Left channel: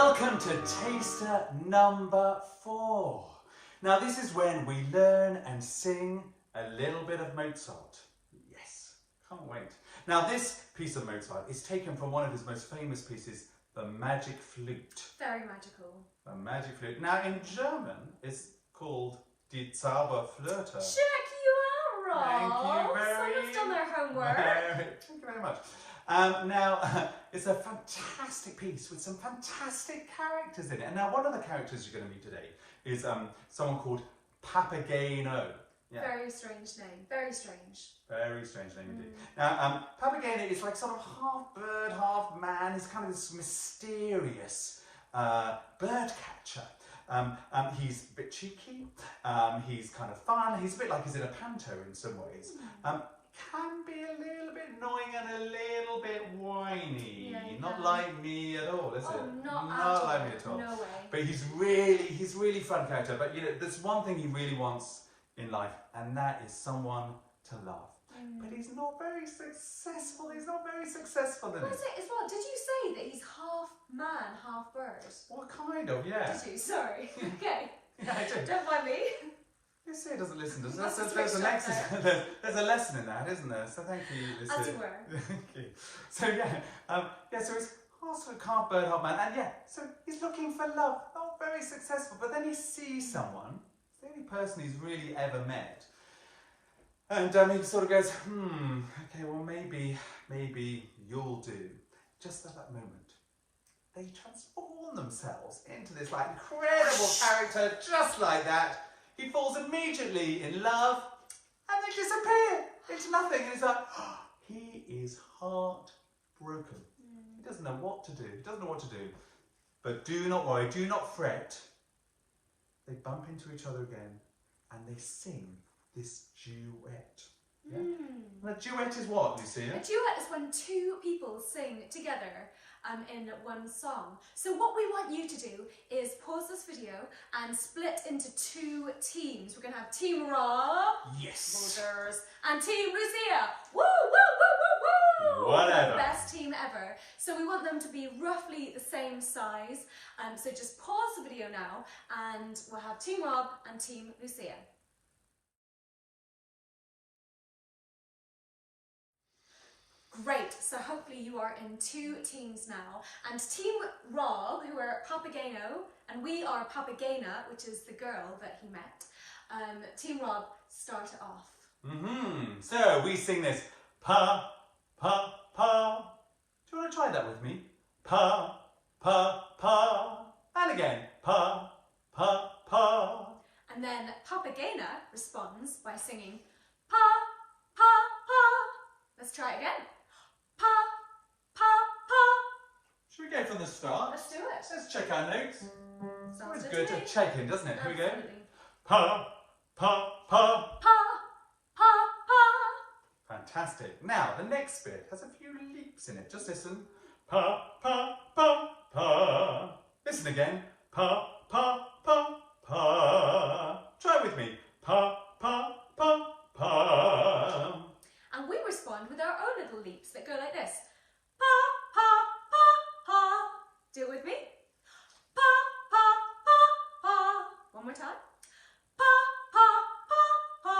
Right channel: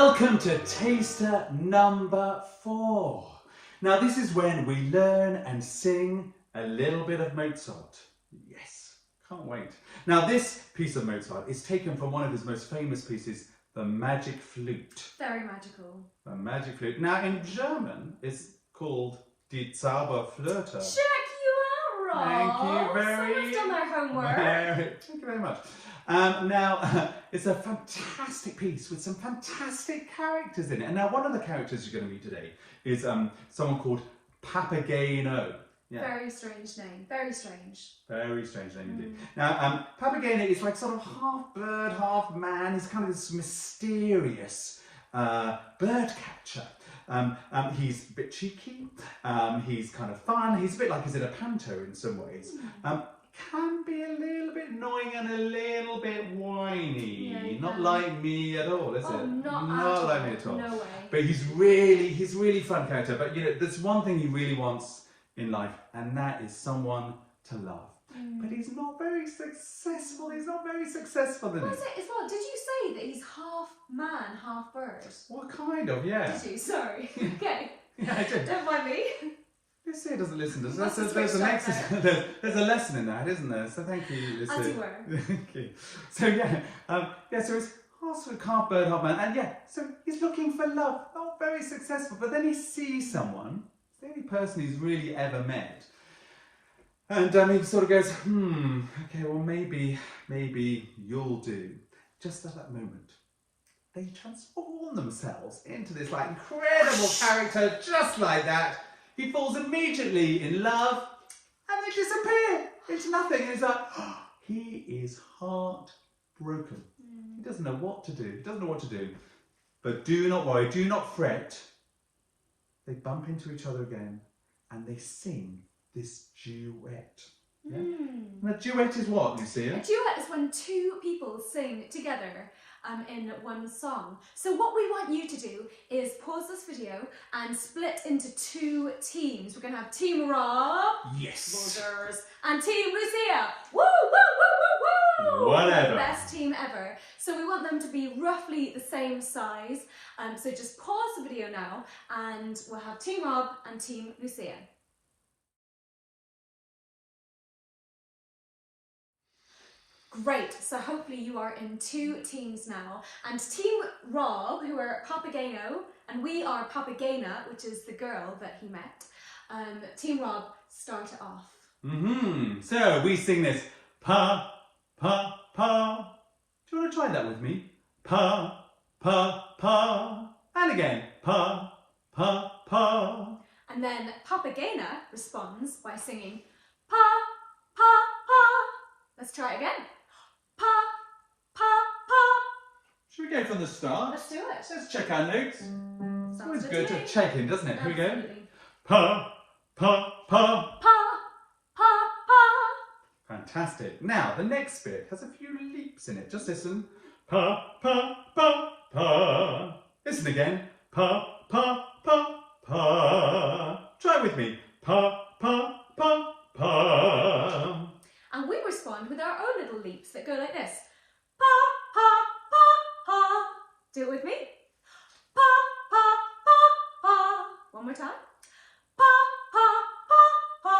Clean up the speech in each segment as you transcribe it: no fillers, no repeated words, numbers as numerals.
Welcome to taster number 4. Now this is when we learn and sing a little bit of Mozart. Yes, can't wait. Now this piece of Mozart is taken from one of his most famous pieces, the Magic Flute. Very magical. The Magic Flute. Now in German it's called Die Zauberflöte. Check you out, Rob. Thank you very much. Someone's done their homework. Thank you very much. Now, it's a fantastic piece with some fantastic characters in it. And now one of the characters you're going to meet today is someone called Papageno. Yeah. Very strange name. Very strange. Very strange name indeed. Now, Papageno is like sort of half bird, half man. He's kind of this mysterious bird catcher. He's a bit cheeky. He's kind of fun. He's a bit like he's in a panto in some ways. Can be a little bit annoying and a little bit whiny. Yeah, not like me at all, is it? Not like me at all. No way. But he's really fun character. But you know, there's one thing he really wants in life, and that is someone to love. But he's not very successful. He's not very successful in it. Was it as well? Did you say that he's half man, half bird? Well, kind of, yeah. Did you? Sorry. Okay. Yeah, I did. Don't mind me. Yes, he doesn't listen to us. There's a lesson in that, isn't there? So thank you, Lucia. As you were. Thank you. So so it's half bird, half man, and so he's looking for love. Not very successful, but then he sees someone. It's the only person he's really ever met, and he sort of goes, okay, well maybe you'll do. Just at that moment, they transform themselves into this like incredible character, just like that. He falls immediately in love and they disappear into nothing. And he's like, he is heartbroken. He doesn't know what to do. He doesn't know what to do. But do not worry, do not fret. They bump into each other again and they sing this duet. Yeah? And a duet is what, Lucia? A duet is when two people sing together in one song. So what we want you to do is pause this video and split into 2 teams. We're going to have Team Rob, yes, and Team Lucia. Woo, woo, woo, woo, woo! Whatever. The best team ever. So we want them to be roughly the same size. So just pause the video now and we'll have Team Rob and Team Lucia. Great, so hopefully you are in 2 teams now. And Team Rob, who are Papageno, and we are Papagena, which is the girl that he met. Team Rob, start it off. So we sing this pa, pa, pa. Do you want to try that with me? Pa, pa, pa. And again, pa, pa, pa. And then Papagena responds by singing pa, pa, pa. Let's try it again. Pa, pa, pa. Should we go from the start? Let's do it. Let's check our notes. It's always good to me. check in, doesn't it? Here we go. Absolutely. Pa, pa, pa. Pa, pa, pa. Fantastic. Now, the next bit has a few leaps in it. Just listen. Pa, pa, pa, pa. Listen again. Pa, pa, pa, pa. Try it with me. Pa, pa, pa, pa. And we respond with our own little leaps that go like this. Pa, pa, pa, pa. Do it with me. Pa, pa, pa, pa. One more time. Pa, pa, pa, pa.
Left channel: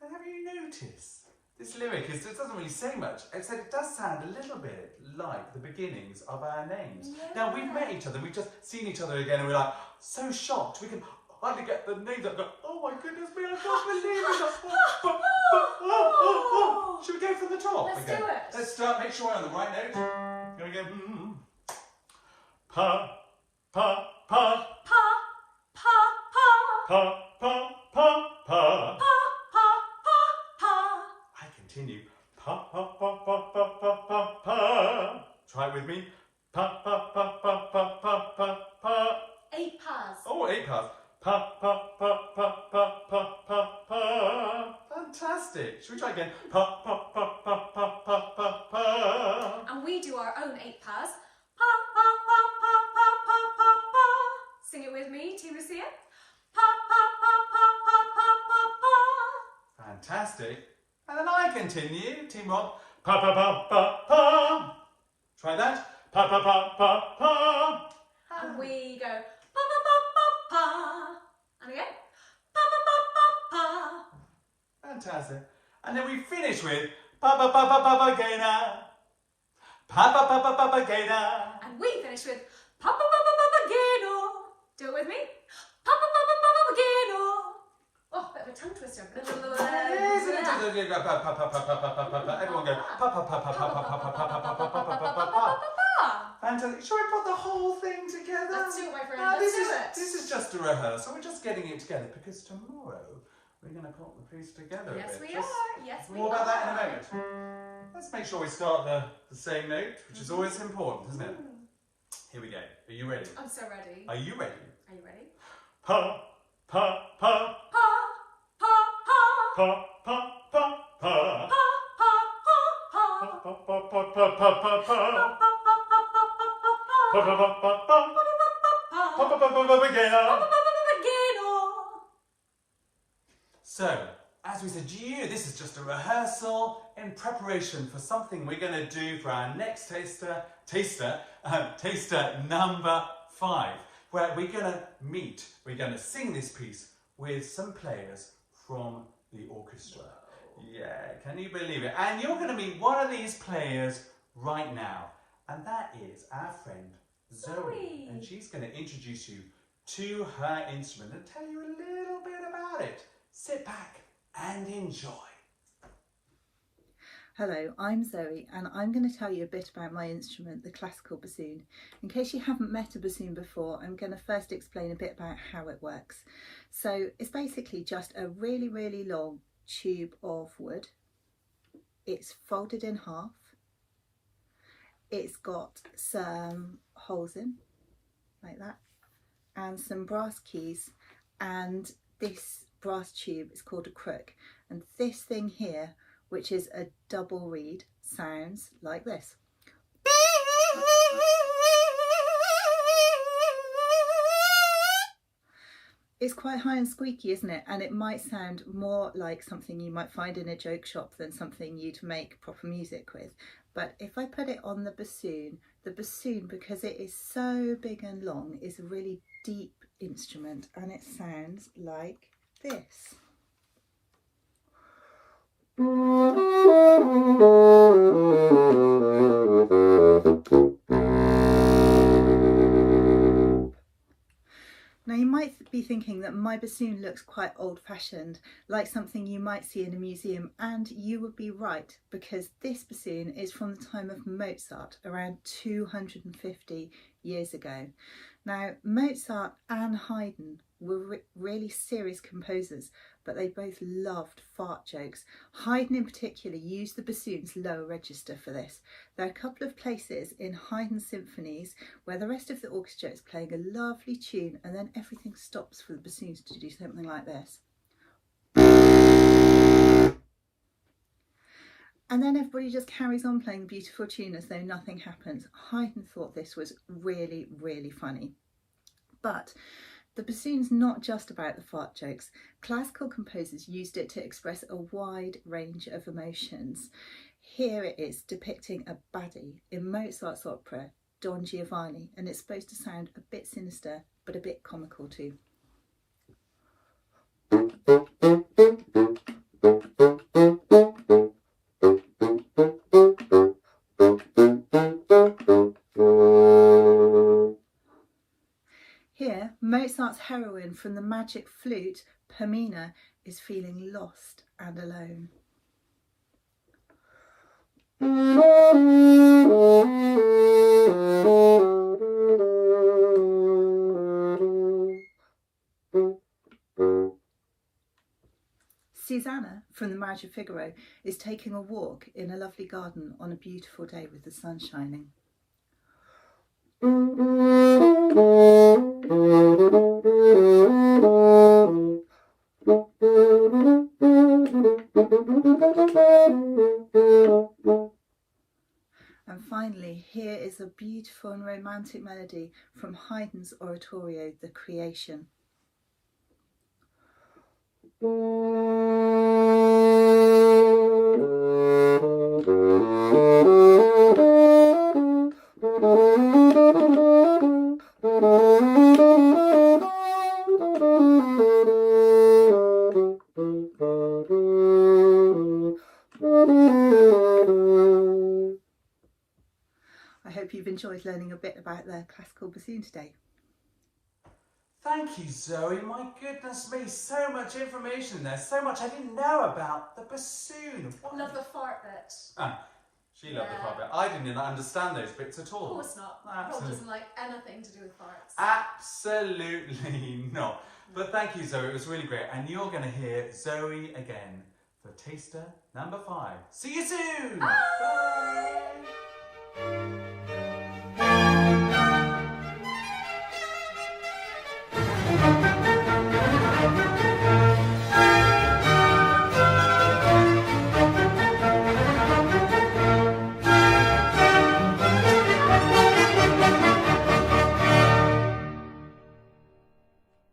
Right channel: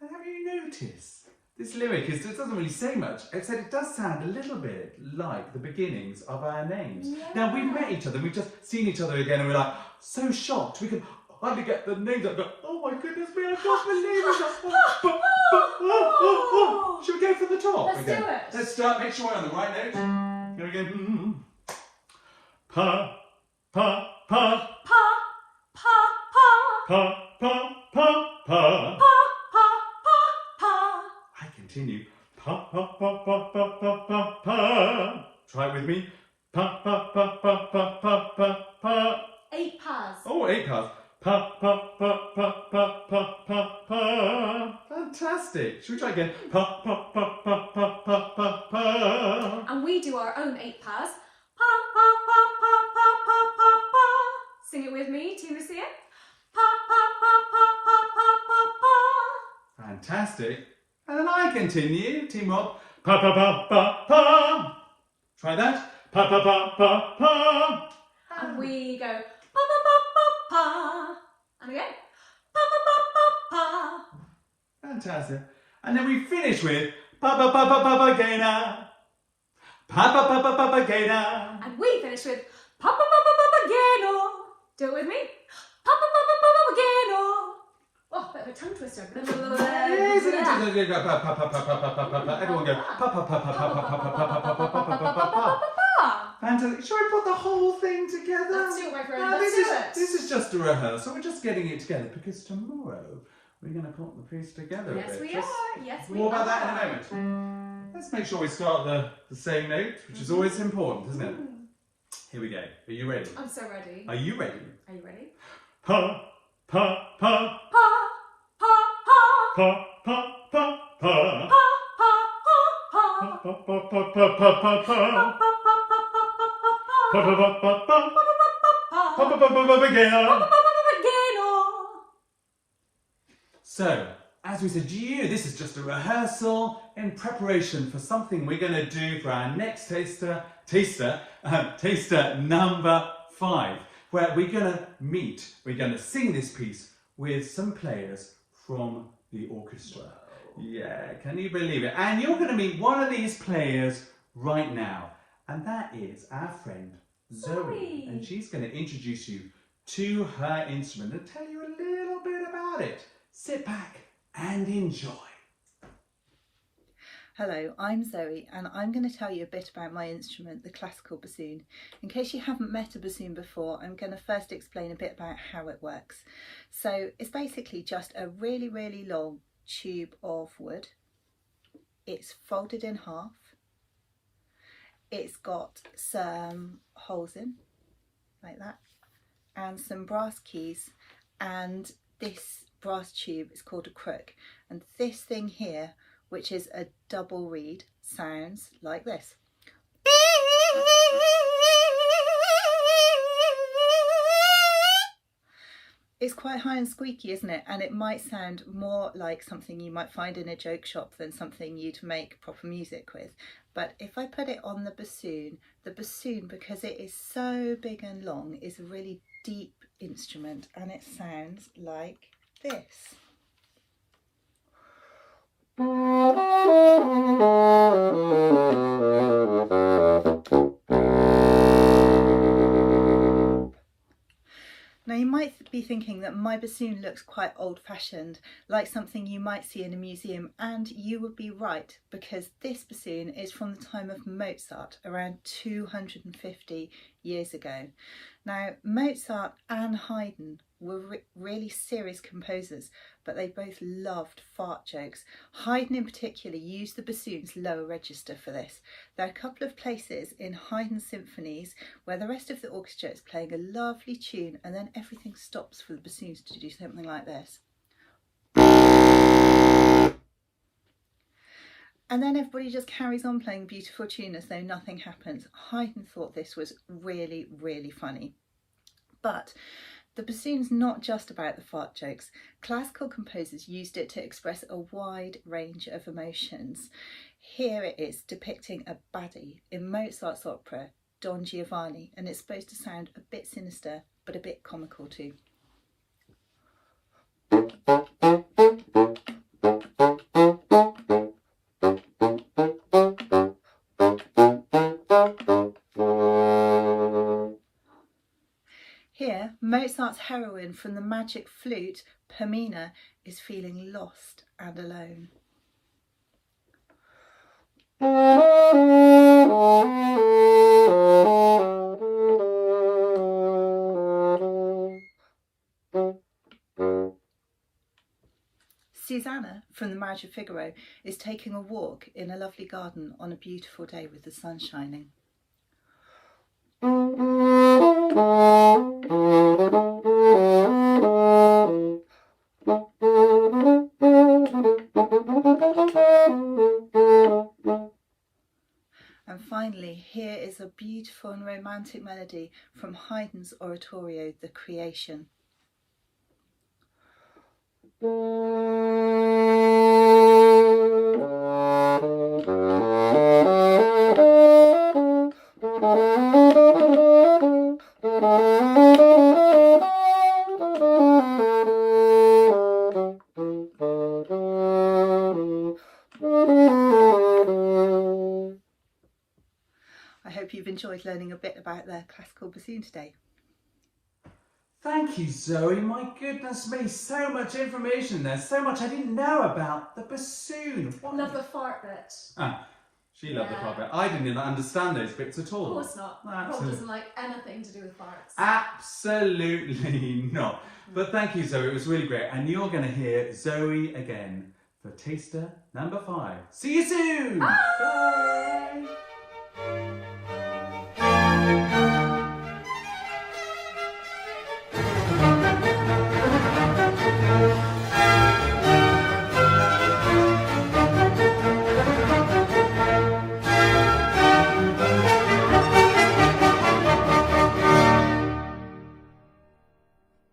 And have you noticed? This lyric it doesn't really say much, except it does sound a little bit like the beginnings of our names. Yeah. Now, we've met each other, we've just seen each other again, and we're like, so shocked. We can hardly get the names up. Go, oh my goodness me, I can't believe it. Should we go from the top? Let's do it. Let's start, make sure we're on the right note. Here we go. Pa, pa, pa. Pa, pa, pa. Pa, pa, pa, pa. Pa, pa, pa, pa. I continue. Pa, pa, pa, pa, pa, pa, pa, pa. Try it with me. Pa, pa, pa, pa, pa, pa, pa, pa. 8 pas. Oh, 8 pas. Pa, pa, pa, pa, pa, pa, pa, pa. Fantastic. Should we try again? Pa, pa, pa, pa, pa, pa, pa, pa. And we do our own 8 pas. Pa, pa, pa, pa, pa, pa, pa, pa. Sing it with me, Team Lucia. Pa, pa, pa, pa, pa, pa, pa, pa. Fantastic. And then I continue. Team Rob. Pa, pa, pa, pa, pa. Try that. Pa, pa, pa, pa, pa. pa. We go pa pa pa pa pa. And again. Pa pa pa pa pa. Fantastic. And then we finish with pa pa pa pa pa pa gaina. Pa pa pa pa pa pa gaina. And we finish with pa pa pa pa pa pa geno. Do it with me. Pa pa pa pa pa pa pa geno. Oh, bit of a tongue twister. Yes, everyone go pa pa pa pa pa pa pa pa. Everyone go pa pa pa pa pa pa pa pa pa pa pa pa pa pa. Fantastic. Shall we put the whole thing together? Let's do it, my friend. Let's do it. This is just a rehearsal. We're just getting it together because tomorrow we're going to put the piece together. Yes, a bit. we are. Yes, we are. More about that in a moment. Let's make sure we start the same note, which is always important, isn't it? Here we go. Are you ready? I'm so ready. Are you ready? Are you ready? Pa pa pa Pa pa pa pa pa pa pa. pa pa pa pa. Pa pa pa pa pa pa pa. Pa pa pa pa pa. Pa pa pa pa pa again. So, as we said to you, this is just a rehearsal in preparation for something we're going to do for our next taster number 5, where we're going to sing this piece with some players from the orchestra. Yeah, can you believe it? And you're going to meet one of these players right now, and that is our friend Zoe. And she's going to introduce you to her instrument and tell you a little bit about it. Sit back and enjoy. Hello, I'm Zoe and I'm going to tell you a bit about my instrument, the classical bassoon. In case you haven't met a bassoon before, I'm going to first explain a bit about how it works. So it's basically just a really, really long tube of wood. It's folded in half. It's got some holes in, like that, and some brass keys, and this brass tube is called a crook, and this thing here, which is a double reed, sounds like this. It's quite high and squeaky, isn't it? And it might sound more like something you might find in a joke shop than something you'd make proper music with. But if I put it on the bassoon, because it is so big and long, is a really deep instrument, and it sounds like this. Now you might be thinking that my bassoon looks quite old-fashioned, like something you might see in a museum, and you would be right, because this bassoon is from the time of Mozart, around 250 years ago. Now Mozart and Haydn were really serious composers, but they both loved fart jokes. Haydn in particular used the bassoon's lower register for this. There are a couple of places in Haydn's symphonies where the rest of the orchestra is playing a lovely tune and then everything stops for the bassoons to do something like this. And then everybody just carries on playing the beautiful tune as though nothing happens. Haydn thought this was really, really funny. But the bassoon's not just about the fart jokes. Classical composers used it to express a wide range of emotions. Here it is depicting a baddie in Mozart's opera Don Giovanni, and it's supposed to sound a bit sinister but a bit comical too. Here, Mozart's heroine from the magic flute, Pamina, is feeling lost and alone. Susanna from the Marriage of Figaro is taking a walk in a lovely garden on a beautiful day with the sun shining. And finally, here is a beautiful and romantic melody from Haydn's oratorio, The Creation. you've enjoyed learning a bit about the classical bassoon today. Thank you, Zoe. My goodness me, so much information there, so much I didn't know about the bassoon. What? Love the fart bit. Ah, she loved the Yeah. fart bit. I didn't even understand those bits at all. Of course not. Rob Absolutely. doesn't like anything to do with farts. Absolutely not. But thank you, Zoe. It was really great. And you're going to hear Zoe again for taster number 5. See you soon. Bye. Bye.